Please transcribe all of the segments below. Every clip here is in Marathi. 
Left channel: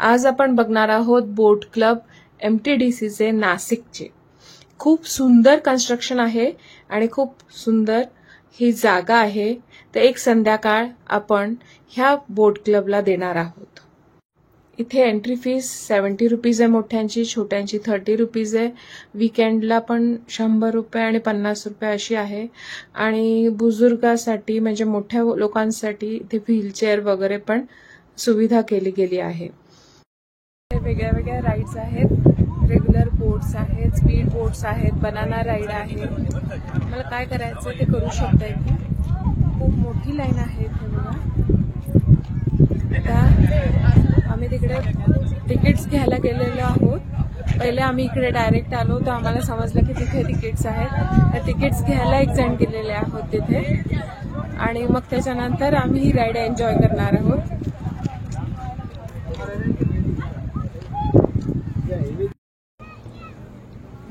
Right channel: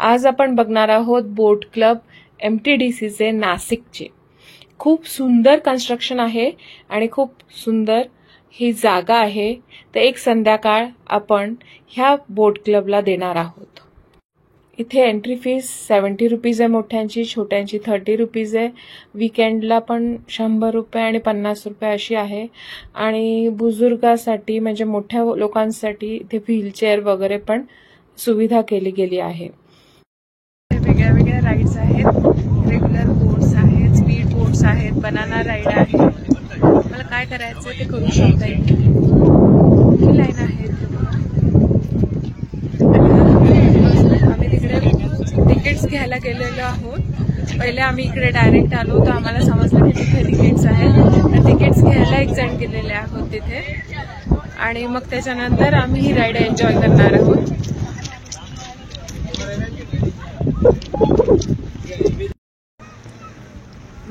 आज आपण बघणार आहोत बोट क्लब MTDCचे नाशिकचे। खूप सुंदर कन्स्ट्रक्शन आहे आणि खूप सुंदर ही जागा आहे। तर एक संध्याकाळ आपण ह्या बोट क्लबला देणार आहोत। इथे एंट्री फीस 70 रुपीज आहे, मोठ्यांची, छोट्यांची 30 रुपीज आहे। वीकेंडला पण 100 रुपये आणि 50 रुपये अशी आहे। आणि बुजुर्गासाठी म्हणजे मोठ्या लोकांसाठी इथे व्हीलचेअर वगैरे पण सुविधा केली गेली आहे। वेगळ्या वेगळ्या राईड्स आहेत, रेग्युलर बोट्स आहेत, स्पीड बोट्स आहेत, बनाना राईड आहे। मला काय करायचं ते करू शकता। इथे मोठी लाईन आहे। आम्ही तिकडे तिकीट्स घ्यायला गेलेलो आहोत। पहिले आम्ही इकडे डायरेक्ट आलो तर आम्हाला समजलं की तिथे तिकीट्स आहेत, तर तिकीट्स घ्यायला एक जण गेलेले आहोत तिथे, आणि मग त्याच्यानंतर आम्ही ही राईड एन्जॉय करणार आहोत।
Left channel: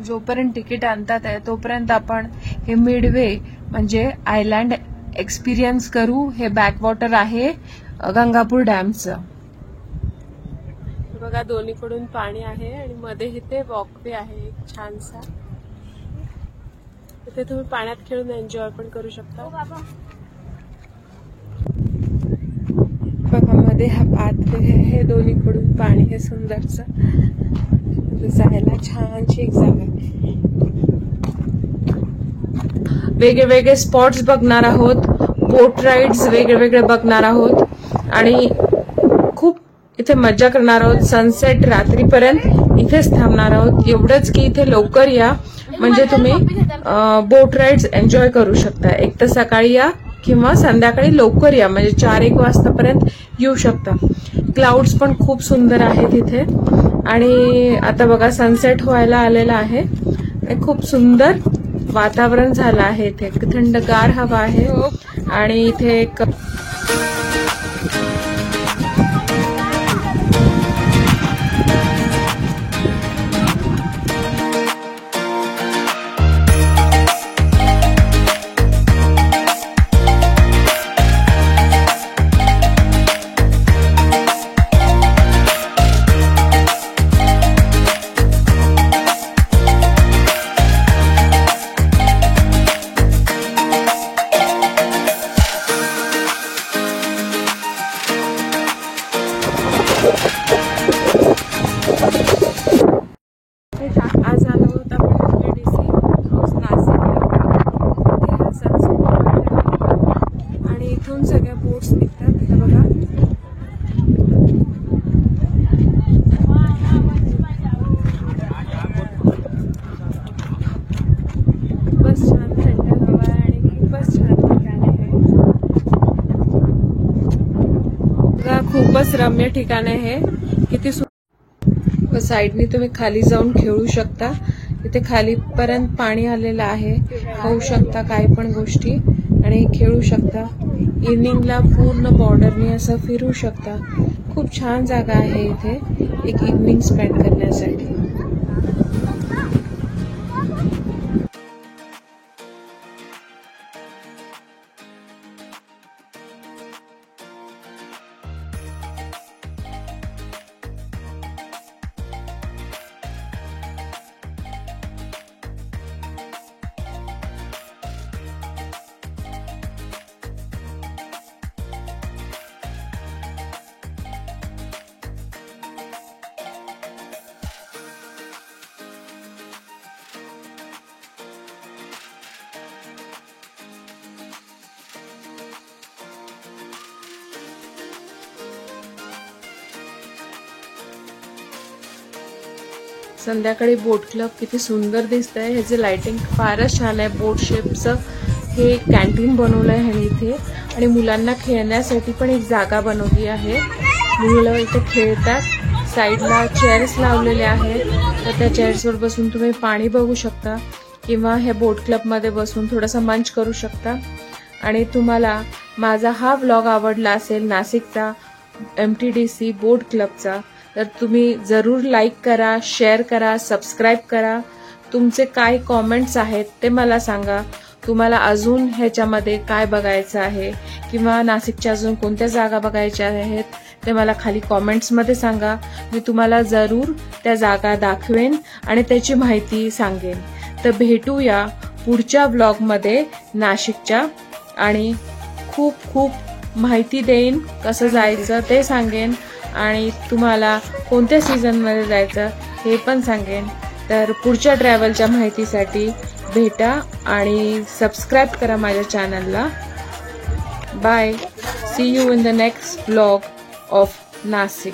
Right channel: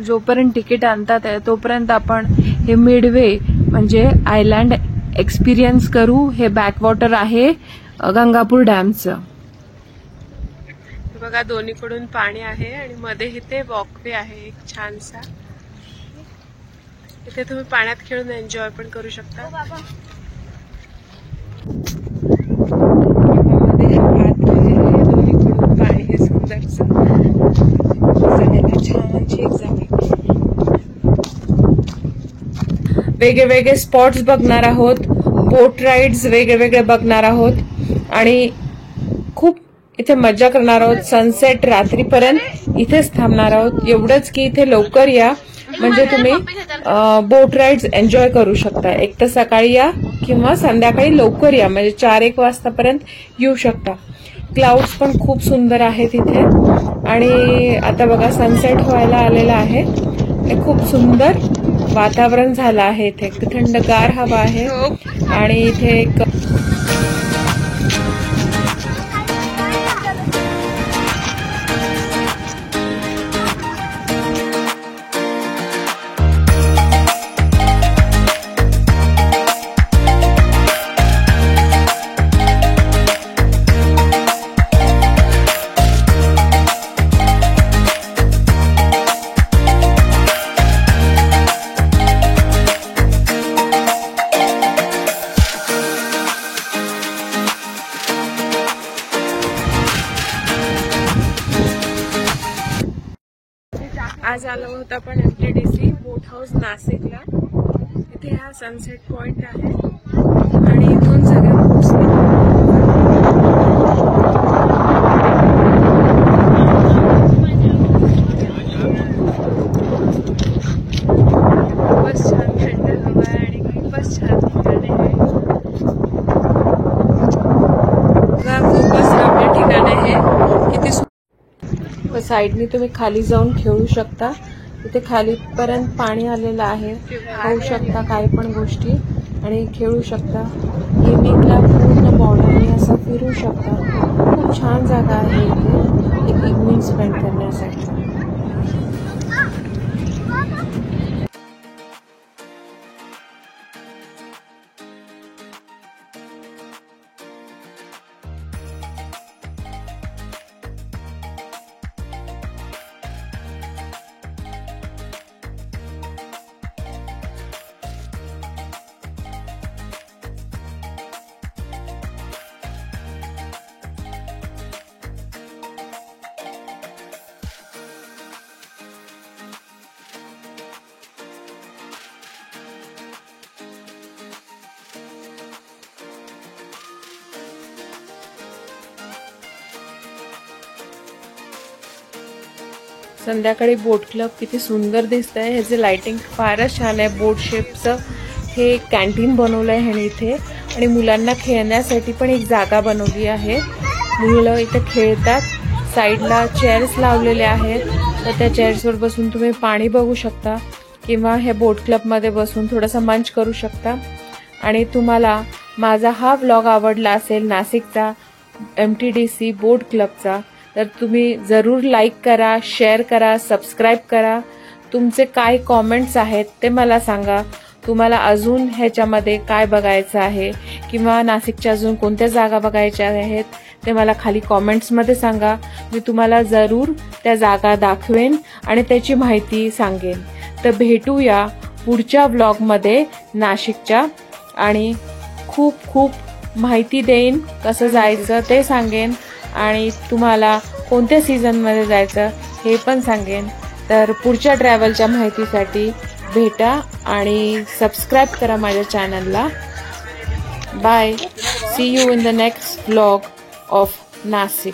जोपर्यंत तिकीट आणतात तोपर्यंत आपण हे मिडवे म्हणजे आयलँड एक्सपिरियन्स करू। हे बॅकवॉटर आहे गंगापूर डॅमचं। बघा दोन्हीकडून पाणी आहे आणि मध्ये इथे वॉकवे आहे एक छानसा। इथे तुम्ही पाण्यात खेळून एन्जॉय पण करू शकता। बघा मध्ये हात आहे, दोन्हीकडून पाणी आहे सुंदरचं, जायला छानशी एक जागा। वेगवेगळे स्पॉट्स बघणार आहोत, बोट राईड्स वेगवेगळे बघणार आहोत आणि खूप इथे मजा करणार आहोत। सनसेट रात्रीपर्यंत इथेच थांबणार आहोत। एवढंच की इथे लवकर या म्हणजे तुम्ही बोट राईड्स एन्जॉय करू शकता। एक तर सकाळी या किंवा संध्याकाळी लवकर या, म्हणजे 4-1 वाजतापर्यंत येऊ शकता। क्लाउड्स पण खूप सुंदर आहेत इथे आणि आता बघा सनसेट व्हायला आलेला आहे। खूप सुंदर वातावरण झालं आहे। इथे थंडगार हवा आहे आणि इथे एक आज आलो होतो आपण MTDC हाऊस नाशिकला। इथे हा सनसेट पॉइंट आहे आणि इथून सगळ्या बोट्स खूपच छान थंड हवा आहे आणि खूपच छान ठिकाण आहे। खूपच रम्य ठिकाण आहे। किती साइडनी तुम्ही खाली जाऊन खेळू शकता। तिथे खालीपर्यंत पाणी आलेलं आहे, खाऊ शकता काही पण गोष्टी आणि खेळू शकता। इव्हनिंगला पूर्ण बॉर्डरने असं फिरू शकता। खूप छान जागा आहे इथे एक इव्हनिंग स्पेंड करण्यासाठी। संध्याकाळी बोट क्लब किती सुंदर दिसतंय। ह्याचे लाइटिंग फारच छान आहे। बोट शेपचं हे कॅन्टीन बनवलंय ह्याने इथे आणि मुलांना खेळण्यासाठी पण एक जागा बनवली आहे। मुलं इथे खेळतात। साईडला चेअर्स लावलेले आहेत, तर त्या चेअर्सवर बसून तुम्ही पाणी बघू शकता किंवा हे बोट क्लबमध्ये बसून थोडासा मंच करू शकता। आणि तुम्हाला माझा हा व्लॉग आवडला असेल नाशिकचा MTDC बोट क्लबचा, तर तुम्ही जरूर लाईक करा, शेअर करा, सबस्क्राइब करा। तुमचे काय कमेंट्स आहेत ते मला सांगा। तुम्हाला अजून ह्याच्यामध्ये काय बघायचं आहे किंवा नाशिकच्या अजून कोणत्या जागा बघायच्या आहेत ते मला खाली कॉमेंट्समध्ये सांगा. मी तुम्हाला जरूर त्या जागा दाखवेन आणि त्याची माहिती सांगेन. तर भेटूया पुढच्या व्लॉगमध्ये नाशिकच्या आणि खूप खूप माहिती देईन. कसं जायचं ते सांगेन आणि तुम्हाला कोणत्या सीझनमध्ये जायचं हे पण सांगेन. तर पुढच्या ट्रॅव्हलच्या माहितीसाठी भेटा आणि सबस्क्राईब करा माझ्या चॅनलला. Bye. See you in the next vlog of Nashik.